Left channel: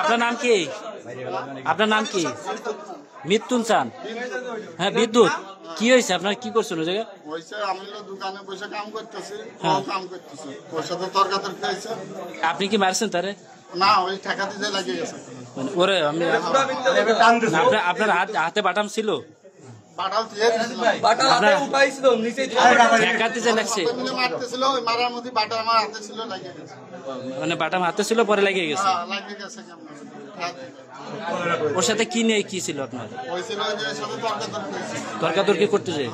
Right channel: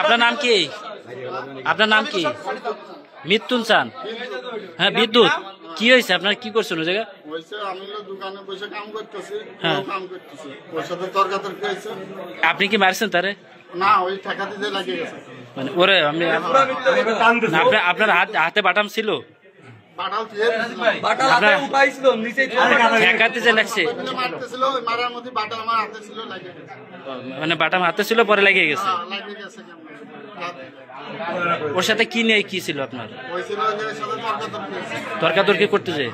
আপনার নাম কি? আপনার নাম কি? মৃত্যুন চান? হ্যাঁ, বিদ্যুৎ কি হয়েছে আপনার? কি করছেন ওই জায়গায়? দোকানে বসে কাম করতেছি, হ্যাঁ, কাম করতেছি, ওর সাথে তর্কাতর্কি হয়েছে। আপনি কি মারছেন তারে? না, ওই ঠেকাতে যে লাগিয়ে গেছে। মানে ওরে আমি আপনার হাতে বাটাম ছিল? বাটাল দিয়ে দিয়েছিলাম। আপনার ঠেকাতে যে লাগছে, মারতেছিল, ওই মারার মধ্যে বাটা আমার হাতে ছিল, লাগিয়ে গেছে। মানে বাটাম হাতে ছিল, পরে লেগে গেছে। হ্যাঁ, লাগিয়ে গেছে কেমন। ওর সাথে কি নিয়ে কি ছিল আপনার? ওই ছিল যে সাথে তর্কাতর্কি হয়েছে। তর্কাতর্কি করতে যে